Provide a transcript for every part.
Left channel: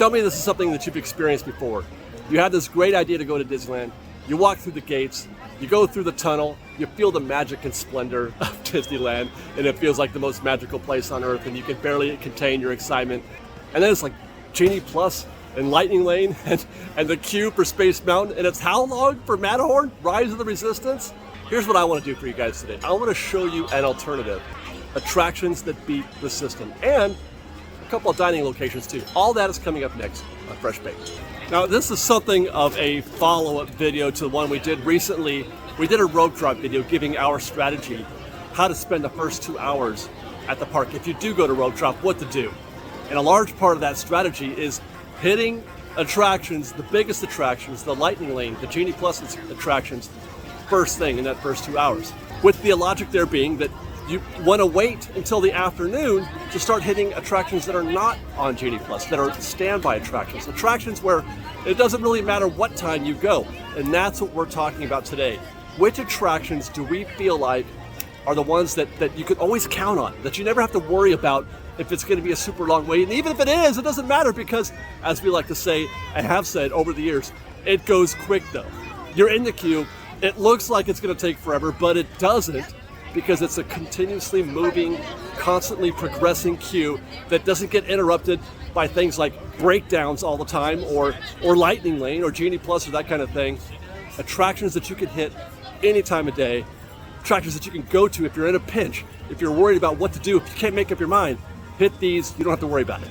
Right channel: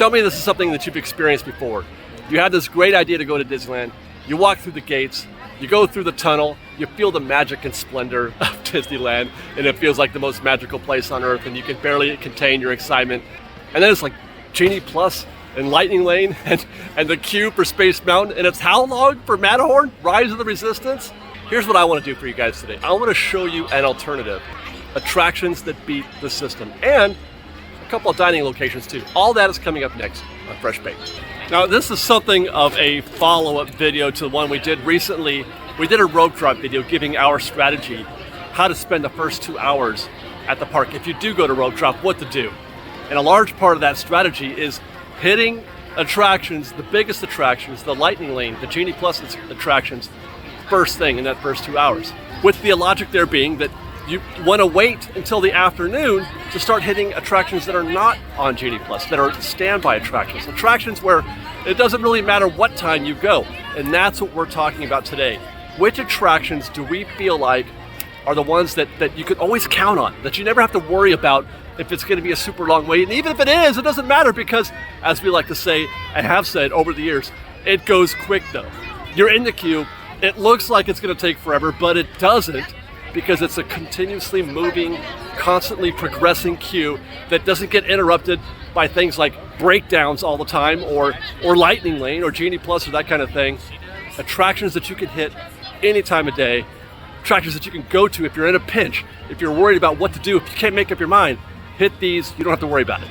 Tell me this is something that you've experienced before. You had this great idea to go to Disneyland, you walk through the gates, you go through the tunnel, you feel the magic and splendor of Disneyland, and it feels like the most magical place on earth, and you can barely contain your excitement. And then it's like Genie Plus and Lightning Lane and the queue for Space Mountain, and it's how long for Matterhorn? Rise of the Resistance? Here's what I want to do for you guys today. I want to show you an alternative. Attractions that beat the system, and a couple of dining locations too. All that is coming up next on Fresh Baked. Now this is something of a follow-up video to the one we did recently. We did a road drop video giving our strategy, how to spend the first 2 hours at the park if you do go to road drop, what to do. And a large part of that strategy is hitting attractions, the biggest attractions, the Lightning Lane, the Genie Plus attractions, first thing in that first 2 hours. With the logic there being that you want to wait until the afternoon to start hitting attractions that are not on Genie Plus, that are standby attractions. Attractions where it doesn't really matter what time you go. And that's what we're talking about today. Which attractions do we feel like are the ones that you can always count on, that you never have to worry about if it's going to be a super long wait. And even if it is, it doesn't matter because, as we like to say and have said over the years, it goes quick though. You're in the queue, it looks like it's going to take forever, but it doesn't, because it's a continuously moving, constantly progressing queue that doesn't get interrupted by things like breakdowns all the time or Lightning Lane or Genie Plus or that kind of thing. Attractions that you can hit any time of day, attractions that you can go to if you're in a pinch, if you're worried about what to do, if you can't make up your mind, hit these, you don't have to worry about it.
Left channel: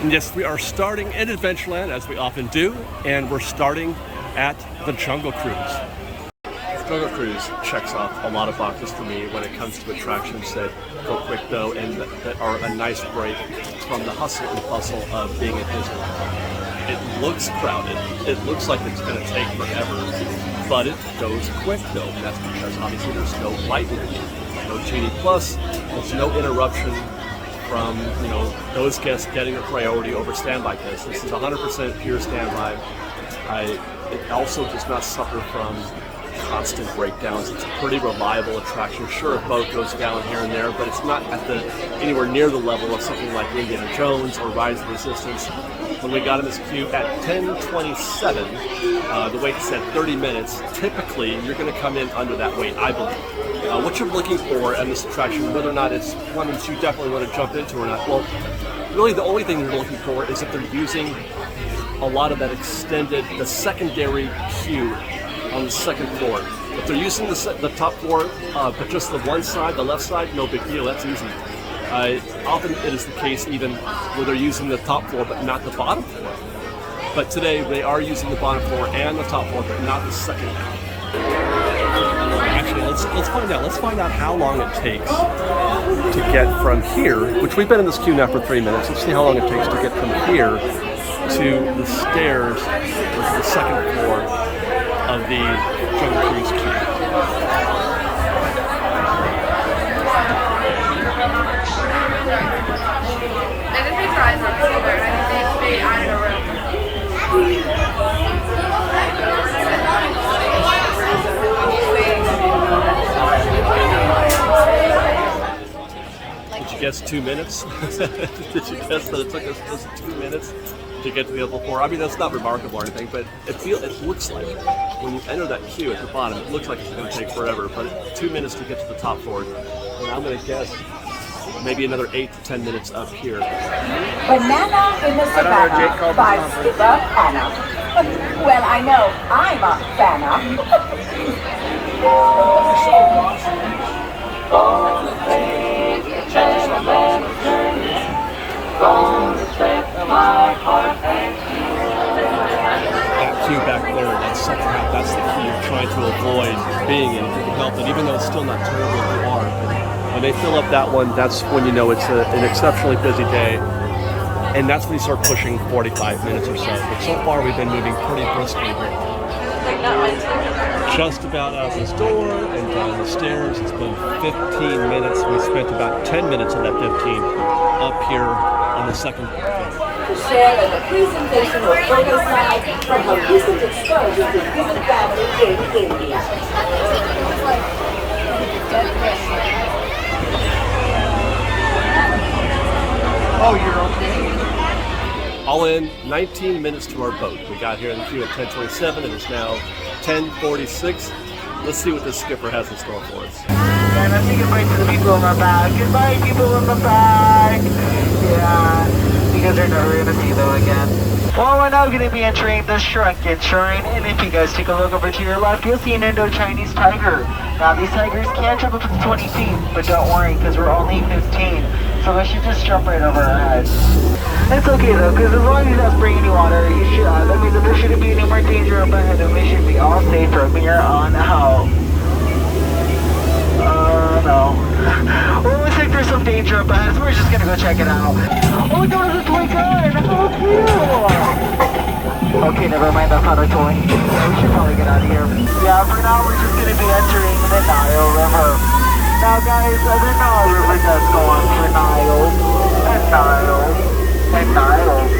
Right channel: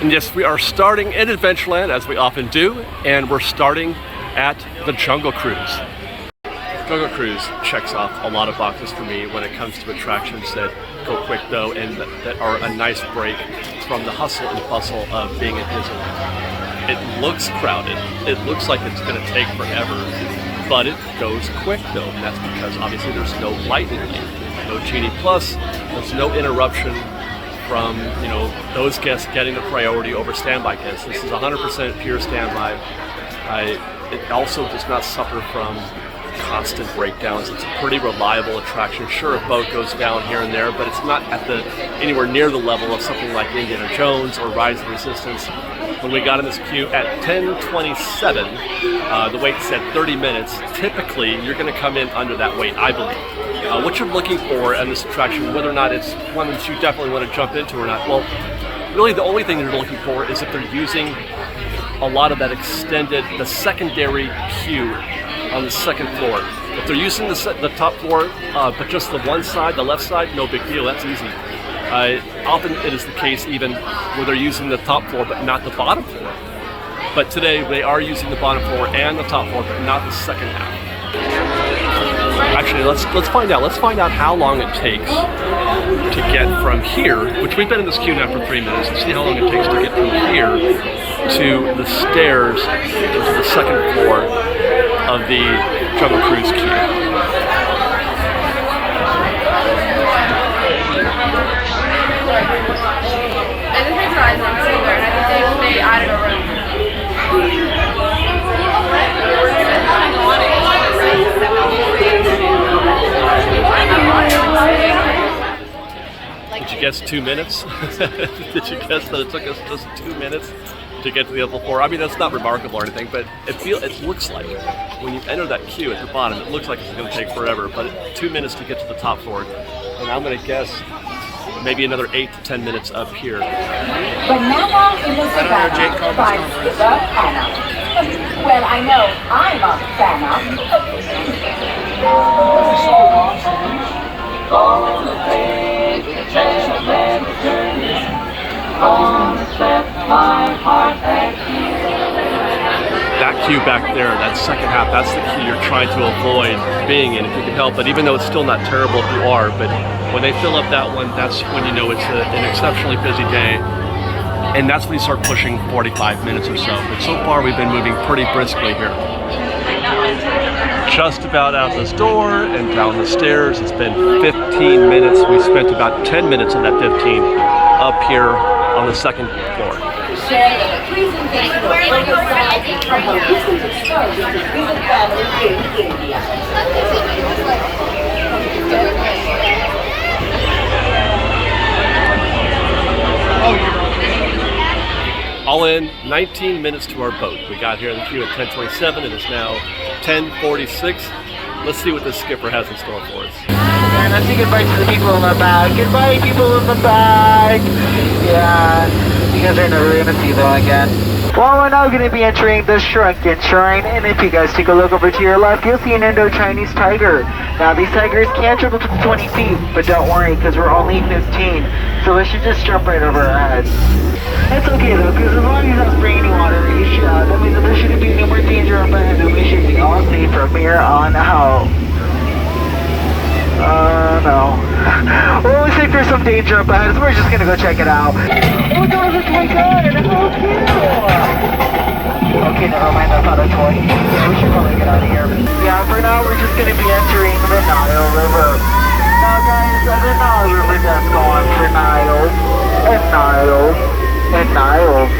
And yes, we are starting in Adventureland, as we often do, and we're starting at the Jungle Cruise. Jungle Cruise checks off a lot of boxes for me when it comes to attractions that go quick though, and that are a nice break from the hustle and bustle of being at Disneyland. It looks crowded, it looks like it's going to take forever, but it goes quick though, and that's because obviously there's no Lightning Lane, no Genie Plus, there's no interruption from, you know, those guests getting a priority over standby guests. This is 100% pure standby. It also does not suffer from constant breakdowns. It's a pretty reliable attraction. Sure, a boat goes down here and there, but it's not at anywhere near the level of something like Indiana Jones or Rise of the Resistance. When we got in this queue at 10:27, the wait said 30 minutes. Typically, you're going to come in under that wait, I believe. What you're looking for in this attraction, whether or not it's one that you definitely want to jump into or not, well, really the only thing you're looking for is if they're using a lot of that extended, the secondary queue on the second floor. If they're using the top floor, but just the one side, the left side, no big deal, that's easy. Often it is the case even where they're using the top floor but not the bottom floor. But today they are using the bottom floor and the top floor but not the second half. Actually, let's find out. Let's find out how long it takes to get from here, which we've been in this queue now for 3 minutes. Let's see how long it takes to get from here to the stairs into the second floor of the Jungle Cruise queue. Did you guess 2 minutes? Did you guess that it took us just 2 minutes to get to the upper floor? I mean, that's not remarkable or anything, but it looks like when you enter that queue at the bottom, it looks like it's going to take forever, but 2 minutes to get to the top floor. And I'm going to guess maybe another 8 to 10 minutes up here. Banana in the Savannah by Skipper Hannah. Well, I know I'm a That queue back there, that second half, that's the queue you're trying to avoid being in if you can help it, even though it's still not terrible if you are. But when they fill up that one, that's when you know it's an exceptionally busy day. And that's when you start pushing 45 minutes or so. But so far we've been moving pretty briskly here. Just about out this door and down the stairs. It's been 15 minutes. We spent about 10 minutes of that 15 up here on the second floor. All in, 19 minutes to our boat. We got here in the queue at 10:27. It is now 10:46. Let's see what the skipper has in store for us. And let's say goodbye to the people in the back. Goodbye, people in the back. Yeah, you guys are never going to see them again. Well, we're now going to be entering the Shrunken Shrine, and if you guys take a look over to your left, you'll see an Indo-Chinese tiger. Now, these tigers can't jump up to 20 feet, but don't worry, because we're only 15, so we should just jump right over our heads. It's okay though, because as long as he's not spraying any water, you should, that means that there shouldn't be any more danger up ahead, and we should be all safe from here on out. No. Well, looks like there's some danger up ahead, so we're just gonna go check it out. Oh my god, it's my gun! Oh, cute! Okay, never mind, that's not a toy. Yeah, we should probably get out of here. Yeah, for now, we're just gonna be entering the Nile River. Now, guys, the Nile River does go on for Niles and Niles and Niles.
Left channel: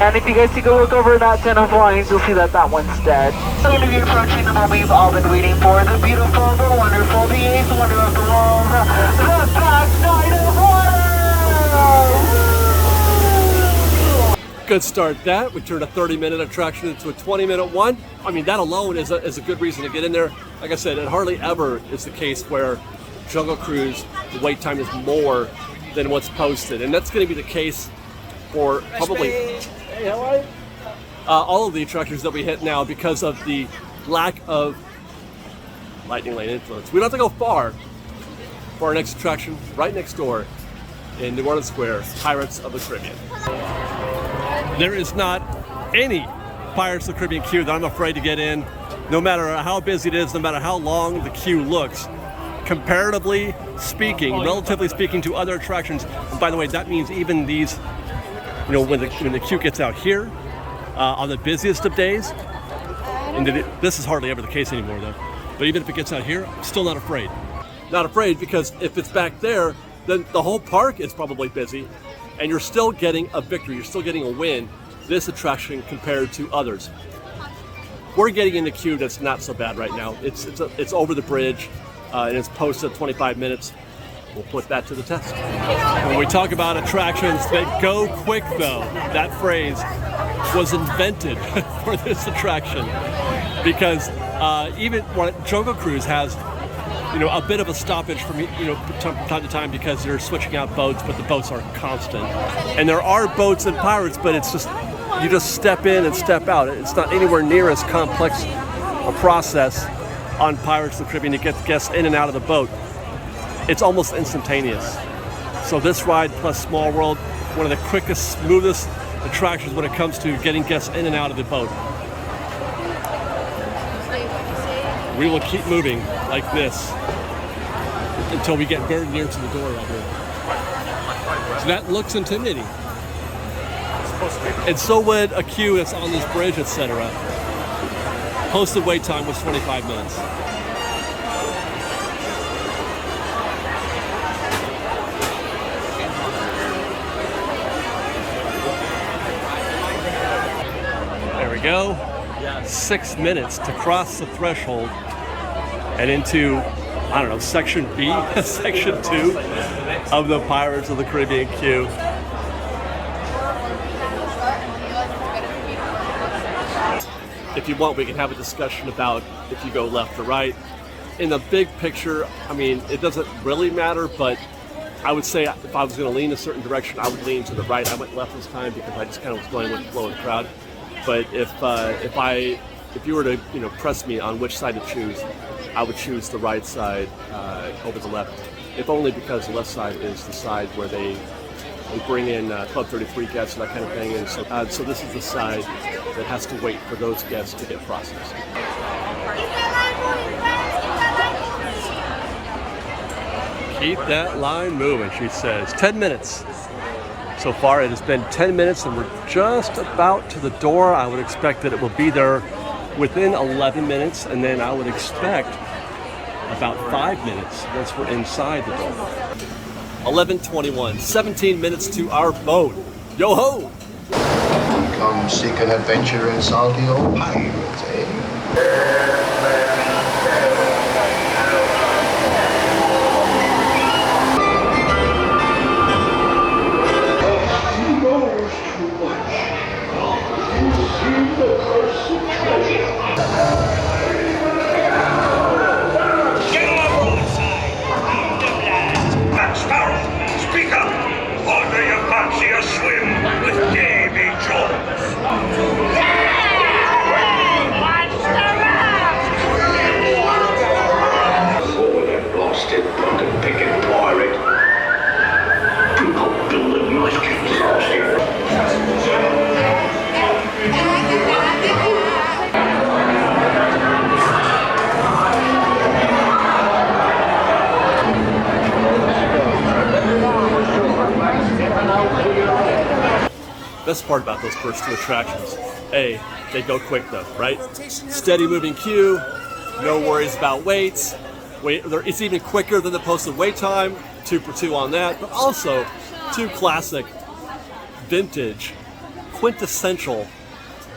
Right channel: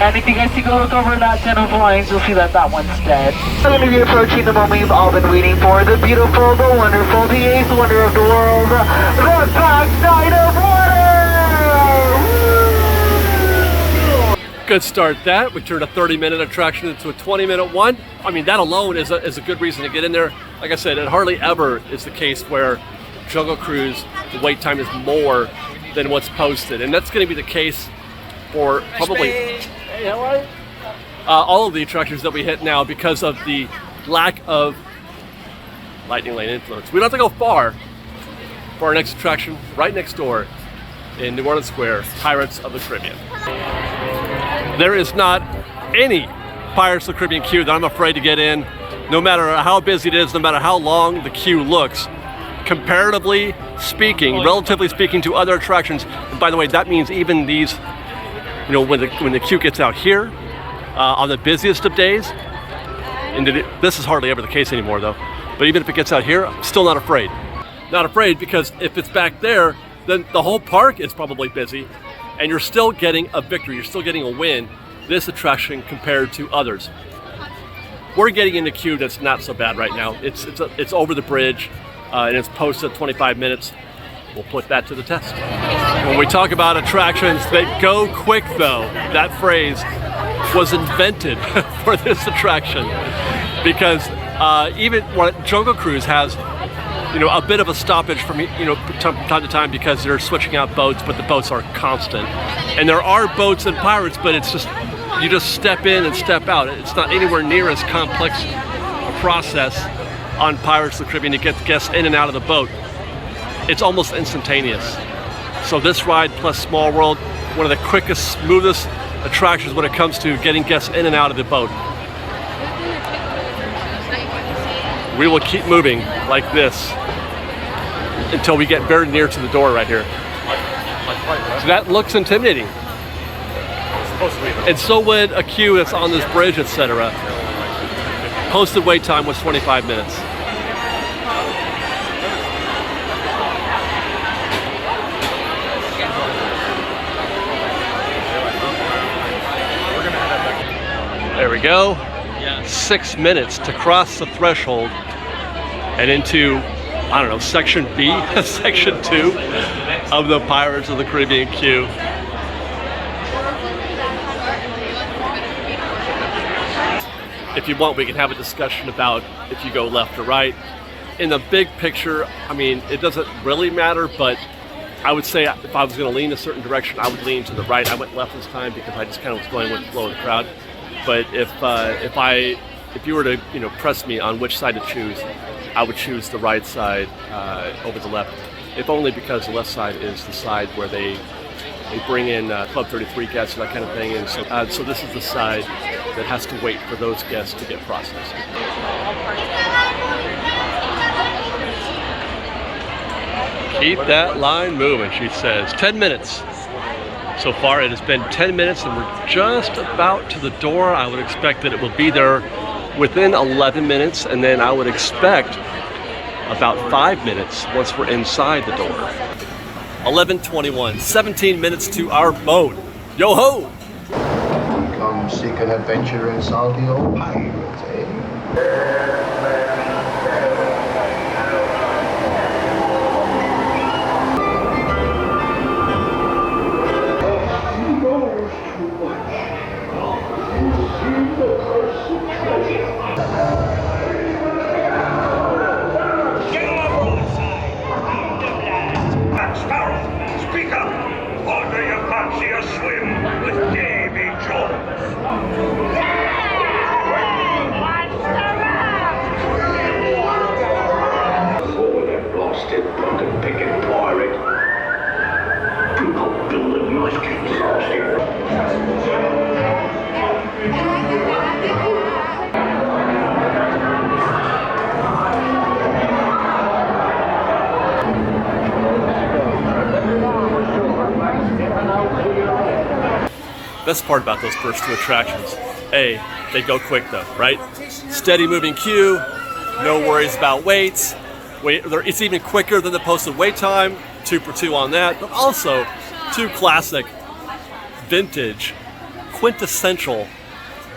And if you guys take a look over that 10 of lines, you'll see that that one's dead. We're going to be approaching the moment we've all been waiting for. The beautiful, the wonderful, the eighth wonder of the world, the backside of water! Good start that. We turned a 30-minute attraction into a 20-minute one. I mean, that alone is a good reason to get in there. Like I said, it hardly ever is the case where Jungle Cruise, the wait time is more than what's posted. And that's going to be the case for probably all of the attractions that we hit now because of the lack of Lightning Lane influence. We don't have to go far for our next attraction, right next door in New Orleans Square, Pirates of the Caribbean. There is not any Pirates of the Caribbean queue that I'm afraid to get in, no matter how busy it is, no matter how long the queue looks. Comparatively speaking, relatively speaking to other attractions, and by the way, that means even these, you know, when the queue gets out here, on the busiest of days, and this is hardly ever the case anymore though, but even if it gets out here, I'm still not afraid. Not afraid because if it's back there, then the whole park is probably busy, and you're still getting a victory, you're still getting a win, this attraction compared to others. We're getting in the queue that's not so bad right now. It's over the bridge, and it's posted 25 minutes. We'll put that to the test. When we talk about attractions that go quick though, that phrase was invented for this attraction because even when Jungle Cruise has, you know, a bit of a stoppage from, you know, time to time because they're switching out boats, but the boats are constant. And there are boats in Pirates, but it's just, you just step in and step out. It's not anywhere near as complex a process on Pirates of the Caribbean to get the guests in and out of the boat. It's almost instantaneous. So this ride plus Small World, one of the quickest, smoothest attractions when it comes to getting guests in and out of the boat. We will keep moving like this until we get very near to the door right here. So that looks intimidating. And so would a queue that's on this bridge, etc. Posted wait time was 25 minutes. There we go. 6 minutes to cross the threshold and into, I don't know, section B, section 2 of the Pirates of the Caribbean queue. If you want, we can have a discussion about if you go left or right. In the big picture, I mean, it doesn't really matter, but I would say if I was going to lean a certain direction, I would lean to the right. I went left this time because I just kind of was going with the flow of the crowd. But if you were to, you know, press me on which side to choose, I would choose the right side over the left. If only because the left side is the side where they bring in Club 33 guests and that kind of thing. And so this is the side that has to wait for those guests to get processed. Keep that line moving, she says. 10 minutes. So far it has been 10 minutes and we're just about to the door. I would expect that it will be there within 11 minutes, and then I would expect about 5 minutes once we're inside the door. 11:21, 17 minutes to our boat. Yo ho! Come seek an adventure in salty old pirates, eh? Speak up! Or do you fancy a swim with Davy Jones? Oh, that blasted pocket-picking pirate. People building nice castles here. Best part about those first two attractions, A, they go quick though, right? Steady moving queue, no worries about waits. It's even quicker than the posted wait time, 2 for 2 on that, but also 2 classic, vintage, quintessential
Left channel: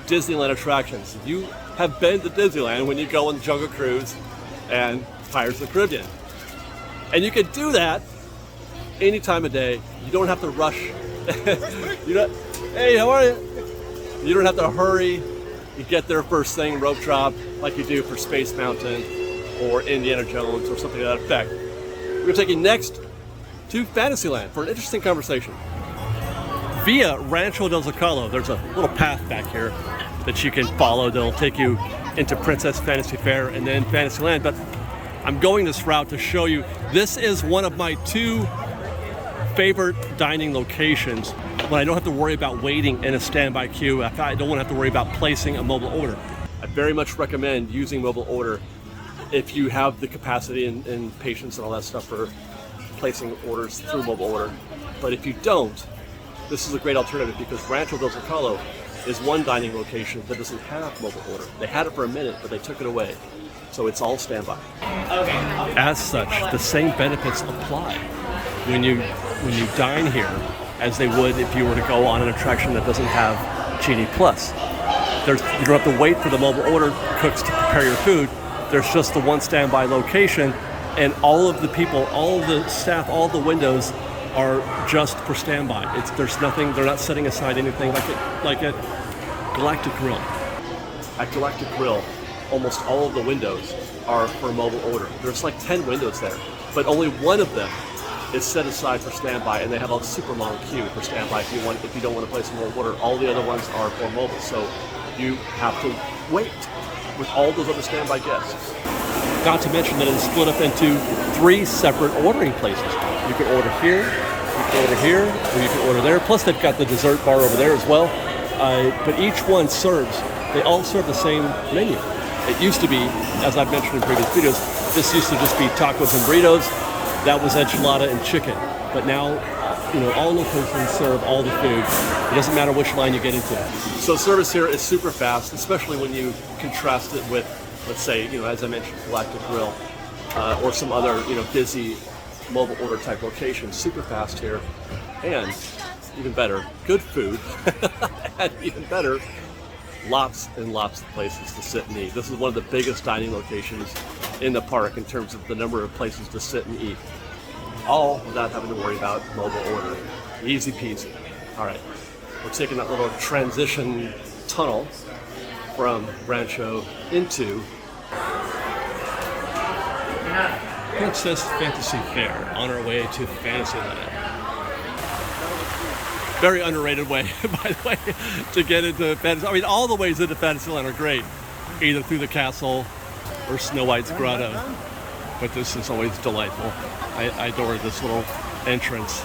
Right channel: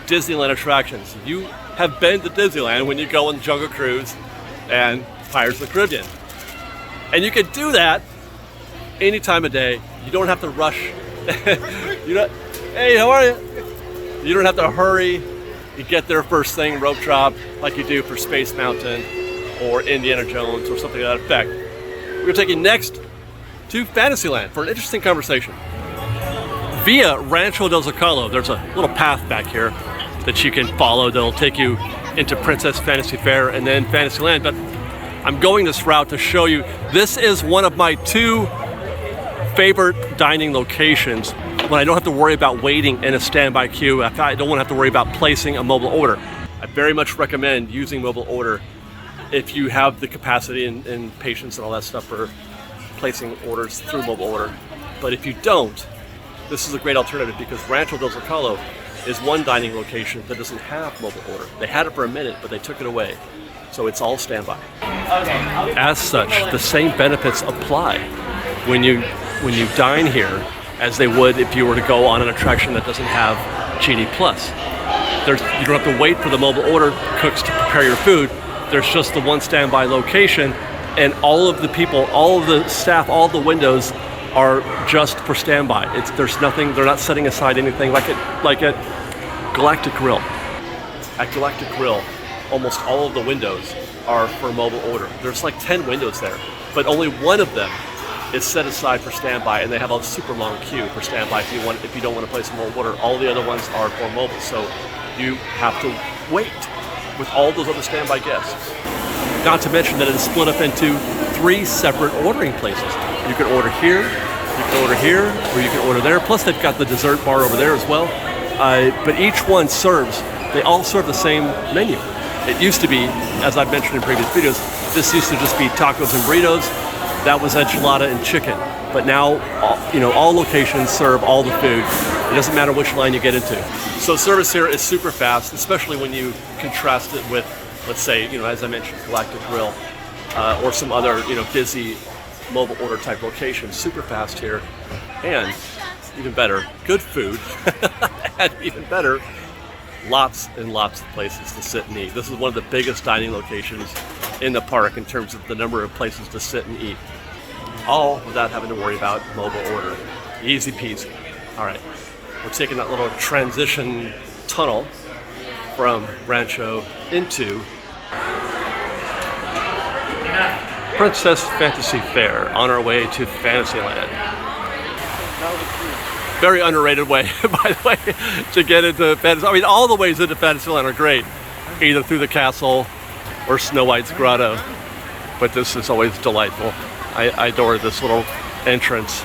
Disneyland attractions. You have been to Disneyland when you go on Jungle Cruise and Pirates of the Caribbean. And you can do that any time of day. You don't have to rush. Hey, how are you? You don't have to hurry. You get there first thing, rope drop, like you do for Space Mountain or Indiana Jones or something to that effect. We're going to take you next to Fantasyland for an interesting conversation. Via Rancho Del Zacalo, there's a little path back here that you can follow that'll take you into Princess Fantasy Fair and then Fantasyland, but I'm going this route to show you this is one of my 2 favorite dining locations when I don't have to worry about waiting in a standby queue. I don't want to have to worry about placing a mobile order. I very much recommend using mobile order if you have the capacity and patience and all that stuff for placing orders through mobile order. But if you don't, this is a great alternative because Rancho Del Zacalo is one dining location that doesn't have mobile order. They had it for a minute, but they took it away. So it's all standby. As such, the same benefits apply when you dine here as they would if you were to go on an attraction that doesn't have Genie Plus. You don't have to wait for the mobile order cooks to prepare your food. There's just the one standby location, and all of the people, all of the staff, all of the windows are just for standby. There's nothing. They're not setting aside anything like at Galactic Grill. At Galactic Grill, almost all of the windows are for mobile order. There's like 10 windows there, but only one of them is set aside for standby, and they have a super long queue for standby if you don't want to place a mobile order. All the other ones are for mobile, so you have to wait with all those other standby guests. Not to mention that it is split up into 3 separate ordering places. You can order here, you can order here, or you can order there. Plus they've got the dessert bar over there as well. But each one they all serve the same menu. It used to be, as I've mentioned in previous videos, this used to just be tacos and burritos. That was enchilada and chicken. But now, all locations serve all the food. It doesn't matter which line you get into. So service here is super fast, especially when you contrast it with, let's say, as I mentioned, Galactic Grill, or some other, busy mobile order type locations. Super fast here, and even better, good food, and even better, lots and lots of places to sit and eat. This is one of the biggest dining locations in the park in terms of the number of places to sit and eat, all without having to worry about mobile order. Easy peasy. All right, we're taking that little transition tunnel from Rancho into Princess Fantasy Fair on our way to Fantasyland. Very underrated way, by the way, to get into Fantasyland. I mean, all the ways into Fantasyland are great, either through the castle or Snow White's grotto. But this is always delightful. I adore this little entrance.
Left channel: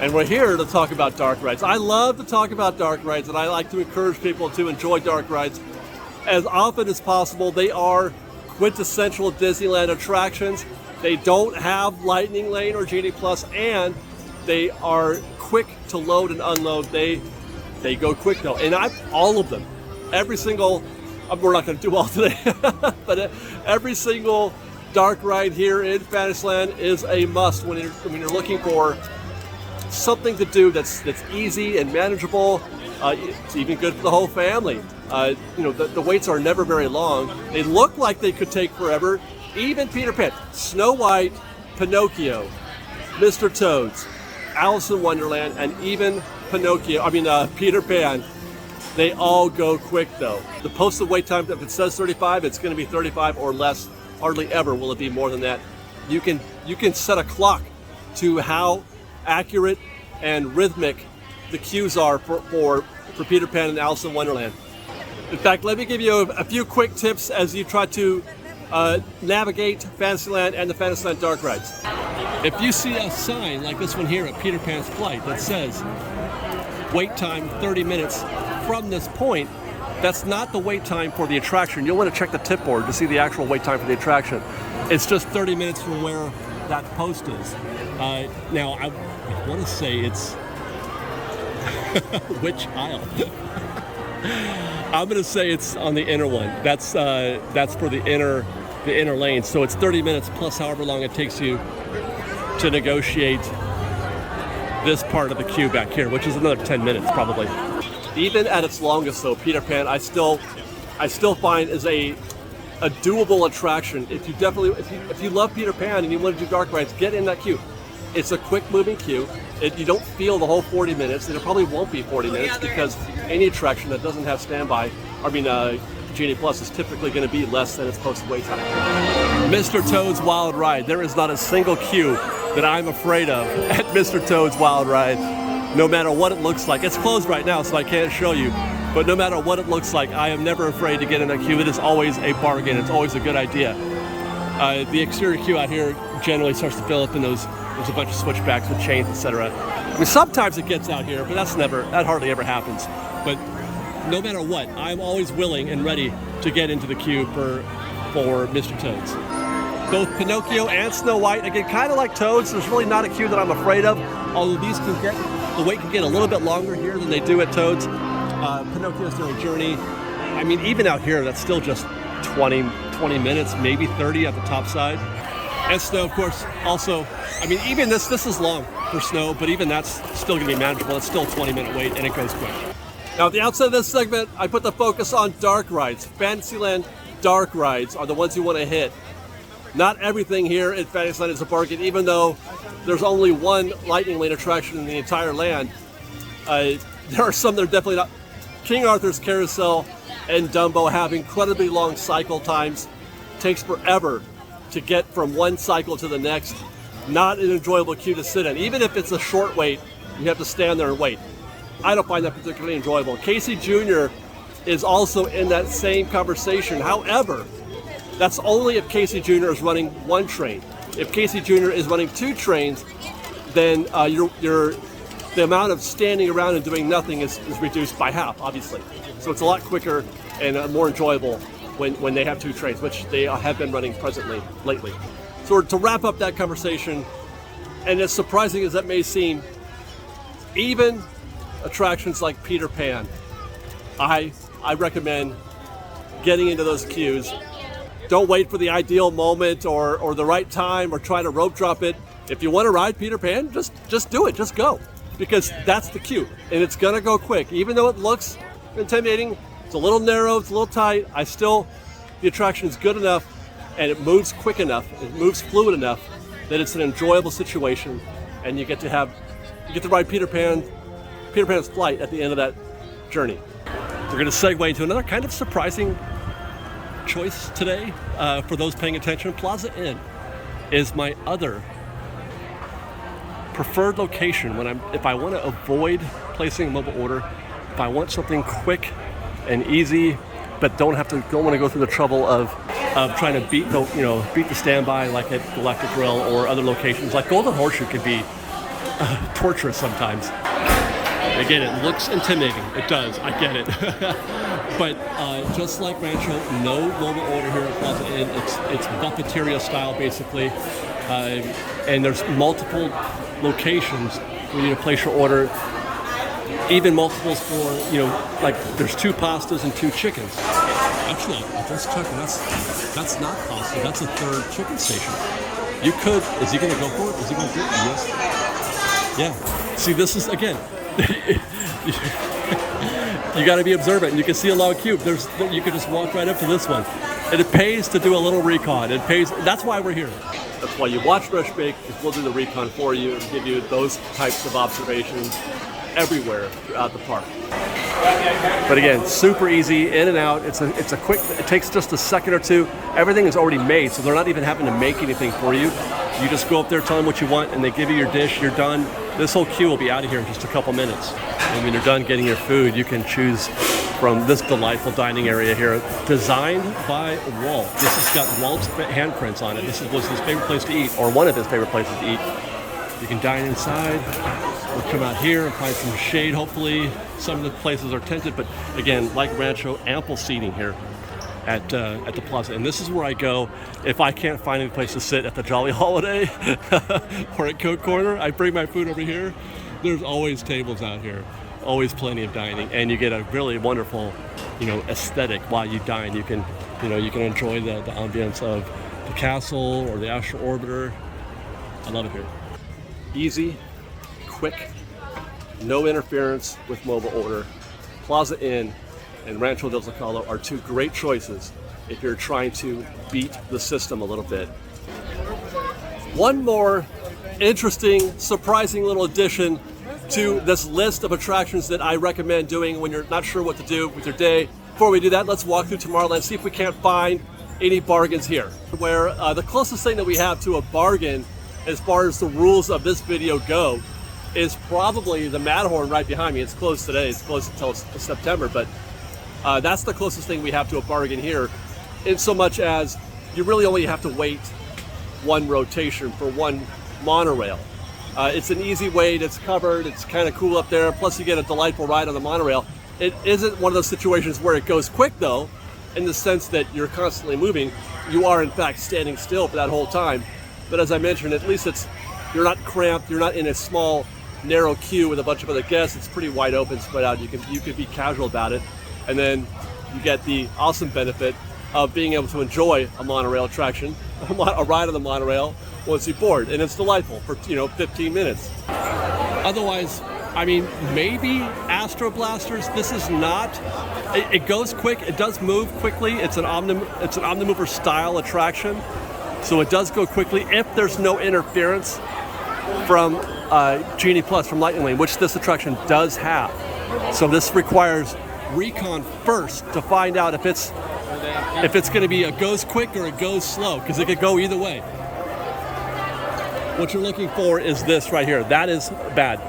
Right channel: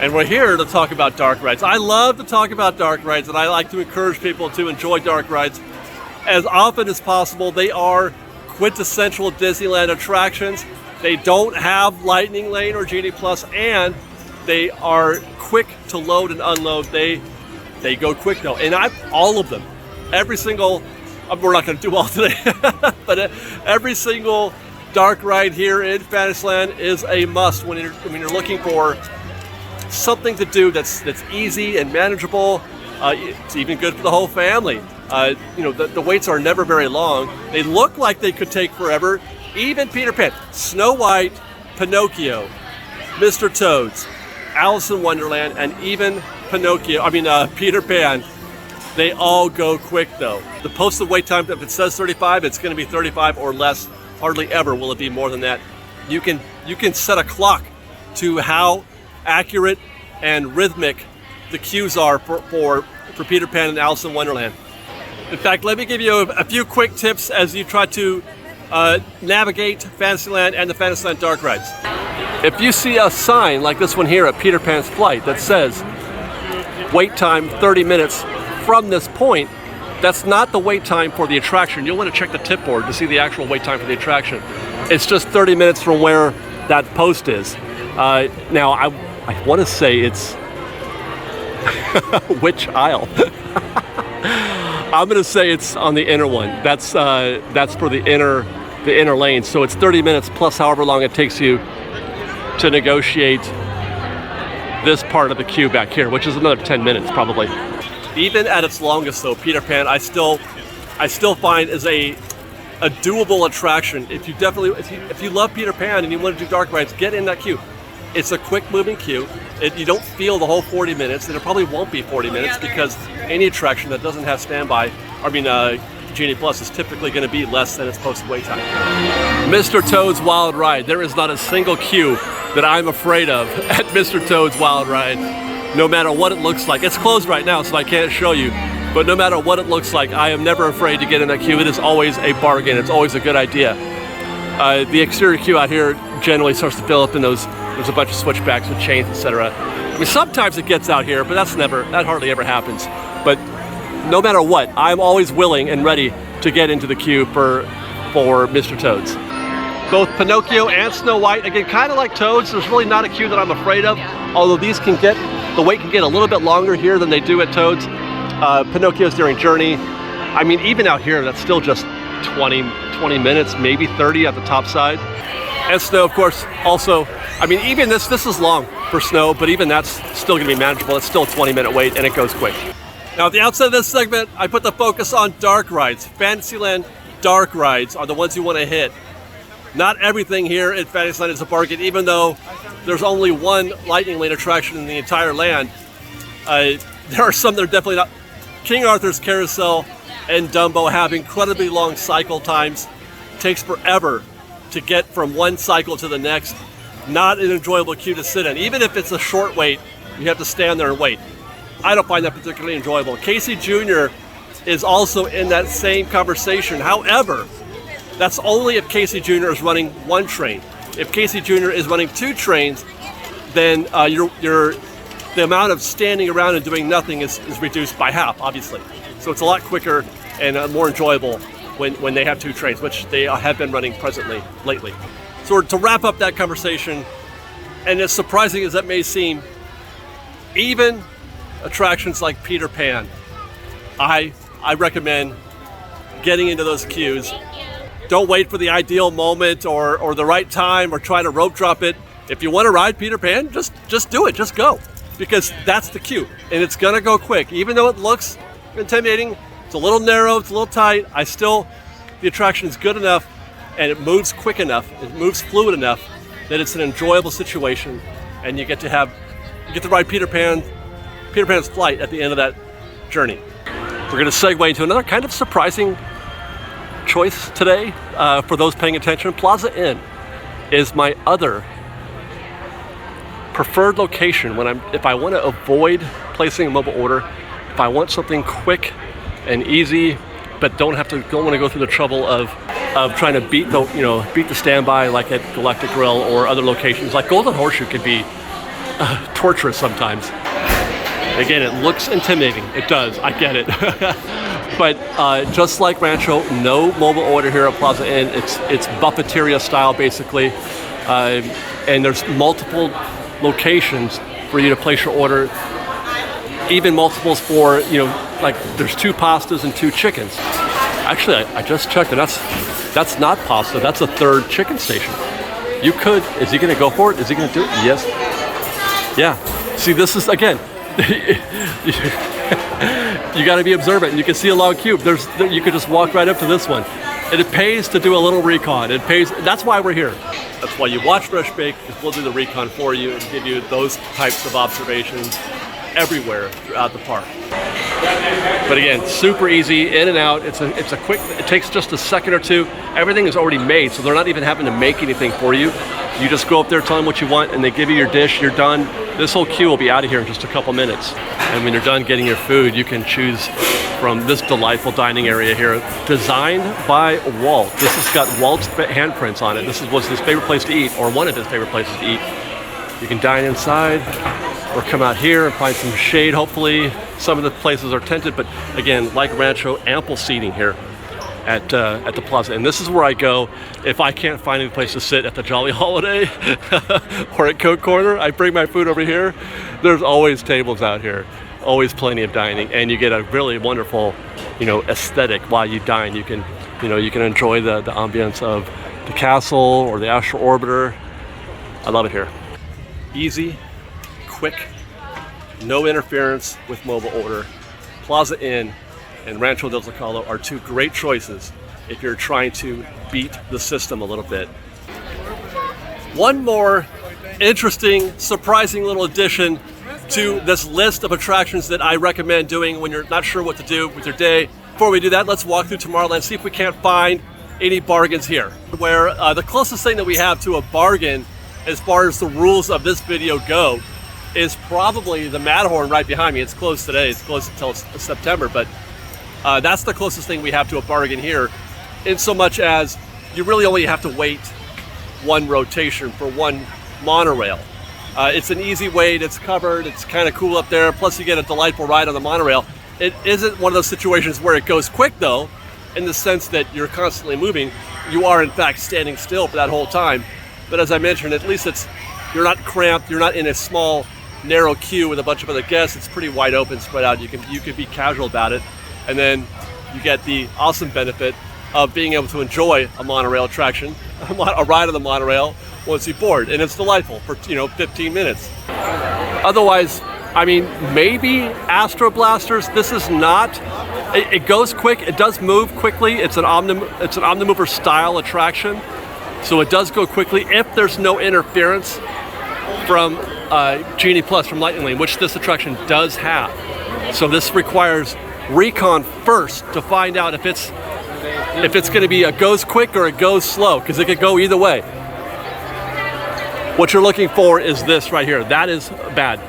And we're here to talk about dark rides. I love to talk about dark rides, and I like to encourage people to enjoy dark rides as often as possible. They are quintessential Disneyland attractions. They don't have Lightning Lane or Genie Plus, and they are quick to load and unload. They go quick though, and all of them, every single, we're not going to do all today, but every single dark ride here in Fantasyland is a must when you're looking for something to do that's easy and manageable. It's even good for the whole family. You know, the waits are never very long. They look like they could take forever. Even Peter Pan, Snow White, Pinocchio, Mr. Toads, Alice in Wonderland, and even Peter Pan, they all go quick though. The posted wait time, if it says 35, it's going to be 35 or less. Hardly ever will it be more than that. You can set a clock to how accurate and rhythmic the queues are for Peter Pan and Alice in Wonderland. In fact, let me give you a few quick tips as you try to navigate Fantasyland and the Fantasyland dark rides. If you see a sign like this one here at Peter Pan's Flight that says wait time 30 minutes from this point, that's not the wait time for the attraction. You'll want to check the tip board to see the actual wait time for the attraction. It's just 30 minutes from where that post is. Now, I want to say it's which aisle? I'm going to say it's on the inner one. That's for the inner lane. So it's 30 minutes plus however long it takes you to negotiate this part of the queue back here, which is another 10 minutes probably. Even at its longest though, Peter Pan I still find is a doable attraction. If you love Peter Pan and you want to do dark rides, get in that queue. It's a quick moving queue. You don't feel the whole 40 minutes, and it probably won't be 40 minutes because any attraction that doesn't have standby, Genie Plus, is typically going to be less than its posted wait time. Mr. Toad's Wild Ride. There is not a single queue that I'm afraid of at Mr. Toad's Wild Ride, no matter what it looks like. It's closed right now, so I can't show you, but no matter what it looks like, I am never afraid to get in that queue. It is always a bargain. It's always a good idea. The exterior queue out here generally starts to fill up in there's a bunch of switchbacks with chains, etc. Sometimes it gets out here, but that hardly ever happens. But no matter what, I'm always willing and ready to get into the queue for Mr. Toad's. Both Pinocchio and Snow White, again, kind of like Toad's, there's really not a queue that I'm afraid of, although the wait can get a little bit longer here than they do at Toad's. Pinocchio's during Journey. Even out here, that's still just 20 minutes, maybe 30 at the top side. And Snow, of course, also, even this is long for Snow, but even that's still gonna be manageable. It's still a 20-minute wait and it goes quick. Now at the outset of this segment, I put the focus on dark rides. Fantasyland dark rides are the ones you wanna hit. Not everything here at Fantasyland is a bargain, even though there's only one Lightning Lane attraction in the entire land. There are some that are definitely not. King Arthur's Carousel and Dumbo have incredibly long cycle times. It takes forever to get from one cycle to the next. Not an enjoyable queue to sit in. Even if it's a short wait, you have to stand there and wait. I don't find that particularly enjoyable. Casey Jr. is also in that same conversation. However, that's only if Casey Jr. is running one train. If Casey Jr. is running two trains, then the amount of standing around and doing nothing is reduced by half, obviously. So it's a lot quicker and more enjoyable when they have two trains, which they have been running presently lately. So to wrap up that conversation, and as surprising as that may seem, even attractions like Peter Pan, I recommend getting into those queues. Don't wait for the ideal moment or the right time or try to rope drop it. If you want to ride Peter Pan, just do it, just go. Because that's the queue, and it's gonna go quick. Even though it looks intimidating, it's a little narrow, it's a little tight, the attraction is good enough and it moves quick enough, it moves fluid enough that it's an enjoyable situation, and you get to ride Peter Pan's Flight at the end of that journey. We're gonna segue into another kind of surprising choice today for those paying attention. Plaza Inn is my other preferred location if I want to avoid placing a mobile order, if I want something quick and easy, but don't want to go through the trouble of trying to beat the standby like at Galactic Grill or other locations. Like Golden Horseshoe can be torturous sometimes. Again, it looks intimidating. It does. I get it. But just like Rancho, no mobile order here at Plaza Inn. It's buffeteria style basically, and there's multiple locations for you to place your order. Even multiples for like there's 2 pastas and 2 chickens. Actually, I just checked, and that's not pasta. That's a 3rd chicken station. You could. Is he going to go for it? Is he going to do it? Yes. Yeah. See, this is again. You got to be observant. You can see a long queue. You could just walk right up to this one. And it pays to do a little recon. It pays. That's why we're here. That's why you watch Fresh Bake, because we'll do the recon for you and give you those types of observations everywhere throughout the park. But again, super easy, in and out. It's a quick, it takes just a second or two. Everything is already made, so they're not even having to make anything for you. You just go up there, tell them what you want, and they give you your dish, you're done. This whole queue will be out of here in just a couple minutes. And when you're done getting your food, you can choose from this delightful dining area here, designed by Walt. This has got Walt's handprints on it. This was his favorite place to eat, or one of his favorite places to eat. You can dine inside, or come out here and find some shade, hopefully. Some of the places are tented, but again, like Rancho, ample seating here at the Plaza. And this is where I go if I can't find any place to sit at the Jolly Holiday or at Coke Corner. I bring my food over here. There's always tables out here, always plenty of dining, and you get a really wonderful, aesthetic while you dine. You can enjoy the ambience of the castle or the Astral Orbiter. I love it here. Easy, quick, no interference with mobile order. Plaza Inn and Rancho Del Zacalo are two great choices if you're trying to beat the system a little bit. One more interesting, surprising little addition to this list of attractions that I recommend doing when you're not sure what to do with your day. Before we do that, let's walk through Tomorrowland, see if we can't find any bargains here. Where the closest thing that we have to a bargain as far as the rules of this video go is probably the Matterhorn right behind me. It's closed today, it's closed until September, but that's the closest thing we have to a bargain here, in so much as you really only have to wait one rotation for one monorail. It's an easy wait, it's covered, it's kind of cool up there, plus you get a delightful ride on the monorail. It isn't one of those situations where it goes quick though, in the sense that you're constantly moving. You are in fact standing still for that whole time. But as I mentioned, at least you're not cramped, you're not in a small, narrow queue with a bunch of other guests. It's pretty wide open, spread out. You can be casual about it. And then you get the awesome benefit of being able to enjoy a monorail attraction, a ride on the monorail once you board. And it's delightful for 15 minutes. Otherwise, I mean, maybe Astro Blasters. This is not. It goes quick. It does move quickly. It's an Omnimover style attraction, so it does go quickly if there's no interference from Genie Plus from Lightning Lane, which this attraction does have. So this requires recon first to find out if it's going to be a goes quick or a goes slow, because it could go either way. What you're looking for is this right here. That is bad.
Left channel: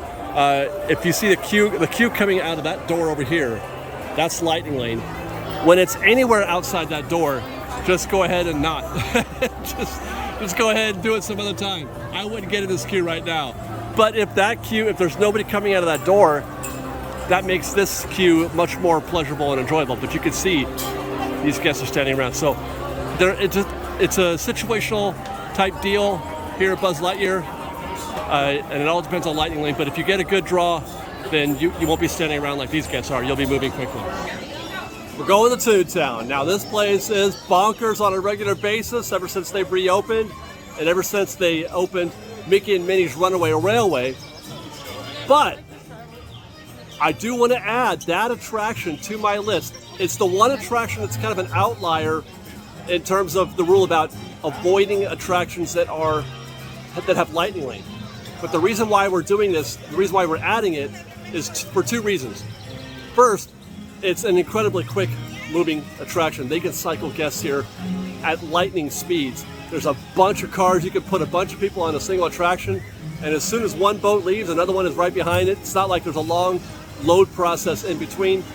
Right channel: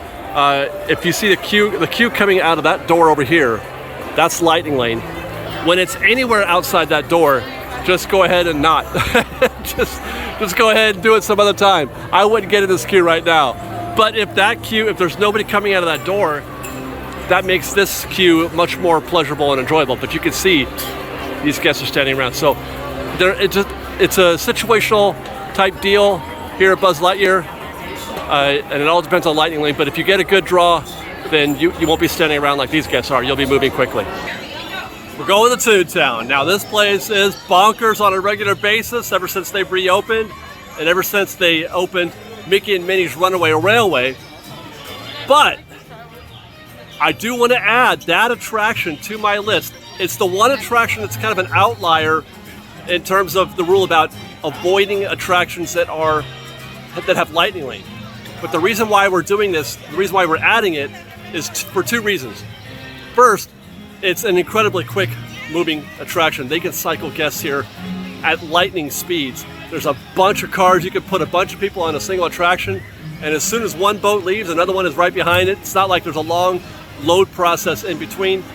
If you see the queue coming out of that door over here, that's Lightning Lane. When it's anywhere outside that door, just go ahead and not. just go ahead and do it some other time. I wouldn't get in this queue right now. But if there's nobody coming out of that door, that makes this queue much more pleasurable and enjoyable. But you can see these guests are standing around. So it's a situational type deal here at Buzz Lightyear. And it all depends on Lightning Lane, but if you get a good draw, then you won't be standing around like these guests are. You'll be moving quickly. We're going to Toontown. Now this place is bonkers on a regular basis ever since they've reopened, and ever since they opened Mickey and Minnie's Runaway Railway. But I do want to add that attraction to my list. It's the one attraction that's kind of an outlier in terms of the rule about avoiding attractions that have Lightning Lane. But the reason why we're doing this, the reason why we're adding it, is for two reasons. First, it's an incredibly quick moving attraction. They can cycle guests here at lightning speeds. There's a bunch of cars. You can put a bunch of people on a single attraction, and as soon as one boat leaves, another one is right behind it. It's not like there's a long load process in between.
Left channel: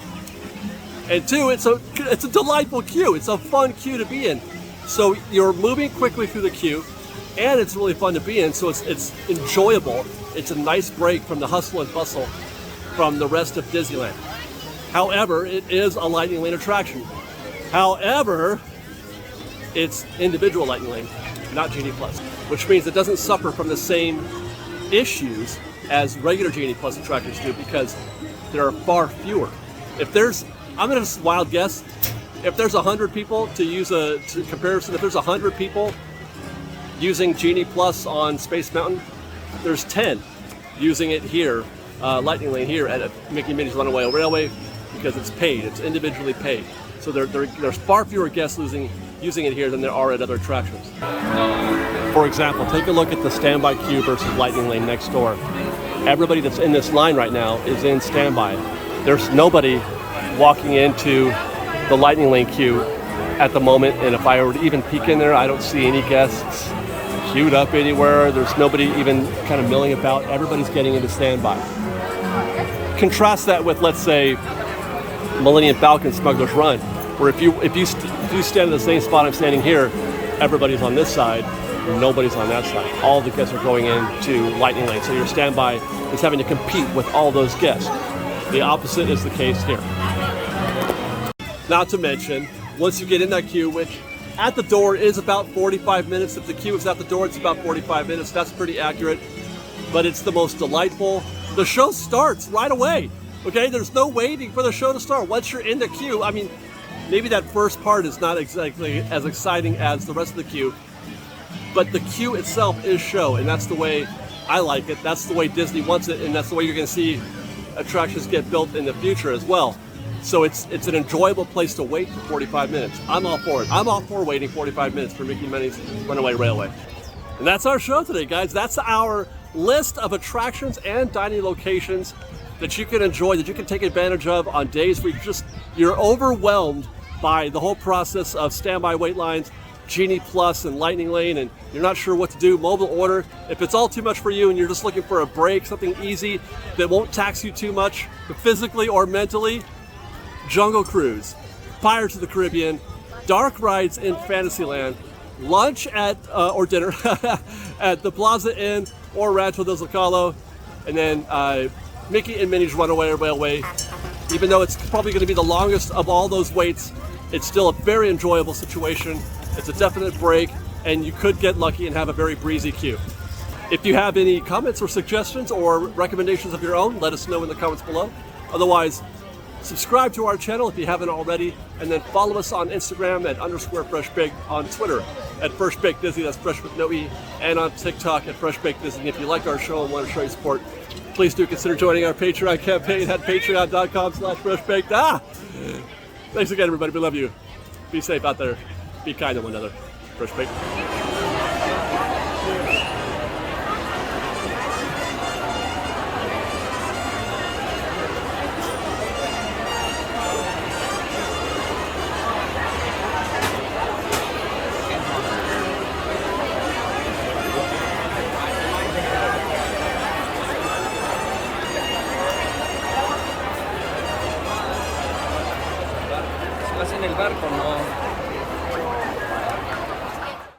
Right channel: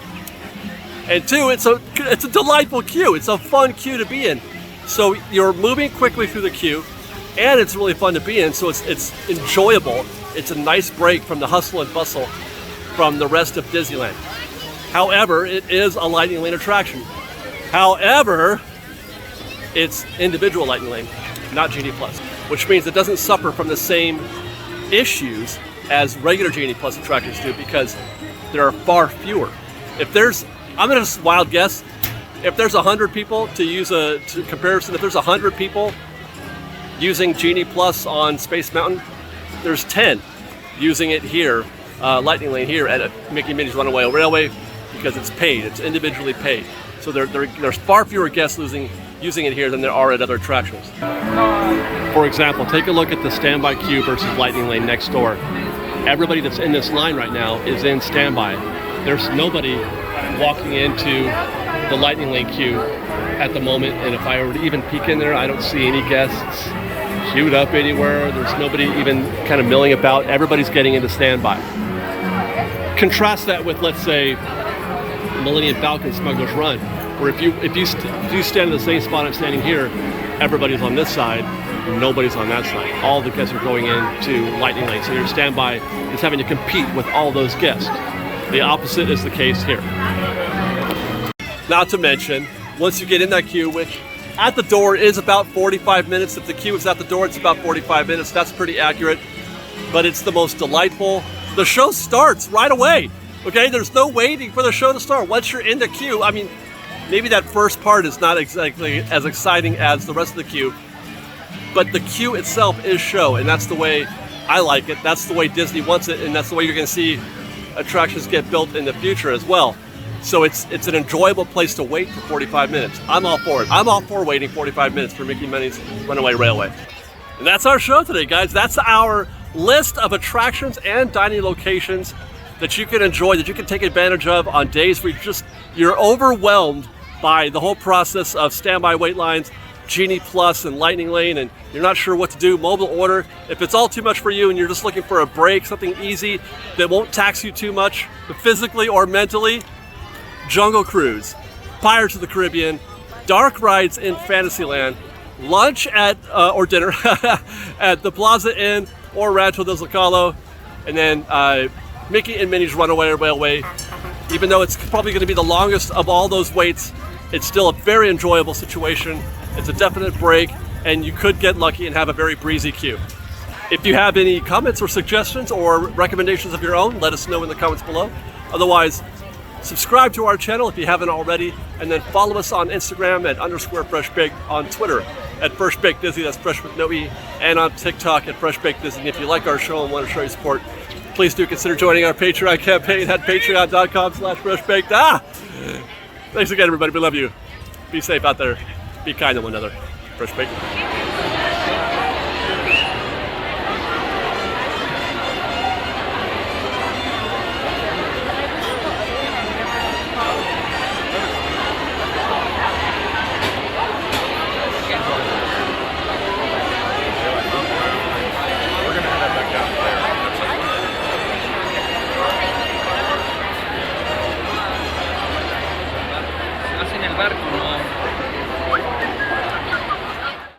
And two, it's a delightful queue. It's a fun queue to be in. So you're moving quickly through the queue, and it's really fun to be in, so it's enjoyable. It's a nice break from the hustle and bustle from the rest of Disneyland. However, it is a Lightning Lane attraction. However, it's individual Lightning Lane, not Genie Plus, which means it doesn't suffer from the same issues as regular Genie Plus attractions do, because there are far fewer. I'm gonna just wild guess, if there's 100 people, to comparison, if there's 100 people using Genie Plus on Space Mountain, there's 10 using it here Lightning Lane here at Mickey and Minnie's Runaway Railway because it's paid. It's individually paid. So there's far fewer guests using it here than there are at other attractions. For example, take a look at the standby queue versus Lightning Lane next door. Everybody that's in this line right now is in standby. There's nobody walking into the Lightning Lane queue at the moment, and if I were to even peek in there, I don't see any guests queued up anywhere. There's nobody even kind of milling about. Everybody's getting into standby. Contrast that with, let's say, Millennium Falcon Smuggler's Run, where if you stand in the same spot I'm standing here, everybody's on this side, nobody's on that side. All the guests are going into Lightning Lane, so your standby is having to compete with all those guests. The opposite is the case here. Not to mention, once you get in that queue, which at the door is about 45 minutes. If the queue is at the door, it's about 45 minutes. That's pretty accurate, but it's the most delightful. The show starts right away, okay? There's no waiting for the show to start. Once you're in the queue, I mean, maybe that first part is not exactly as exciting as the rest of the queue, but the queue itself is show, and that's the way I like it. That's the way Disney wants it, and that's the way you're gonna see attractions get built in the future as well. So it's an enjoyable place to wait for 45 minutes. I'm all for it. I'm all for waiting 45 minutes for Mickey and Minnie's Runaway Railway. And that's our show today, guys. That's our list of attractions and dining locations that you can enjoy, that you can take advantage of on days where you're overwhelmed by the whole process of standby wait lines, Genie Plus and Lightning Lane, and you're not sure what to do. Mobile order. If it's all too much for you and you're just looking for a break, something easy that won't tax you too much, physically or mentally, Jungle Cruise, Pirates of the Caribbean, dark rides in Fantasyland, lunch at or dinner at the Plaza Inn or Rancho Del Zacalo, and then Mickey and Minnie's Runaway Railway. Even though it's probably going to be the longest of all those waits, it's still a very enjoyable situation. It's a definite break, and you could get lucky and have a very breezy queue. If you have any comments or suggestions or recommendations of your own, let us know in the comments below. Otherwise, subscribe to our channel if you haven't already, and then follow us on Instagram at _FreshBaked, on Twitter at FreshBaked Disney, that's fresh with no E, and on TikTok at FreshBaked Disney. If you like our show and want to show your support, please do consider joining our Patreon campaign at patreon.com/FreshBaked. Thanks again, everybody. We love you. Be safe out there. Be kind to one another. FreshBaked. En el barco, ¿no?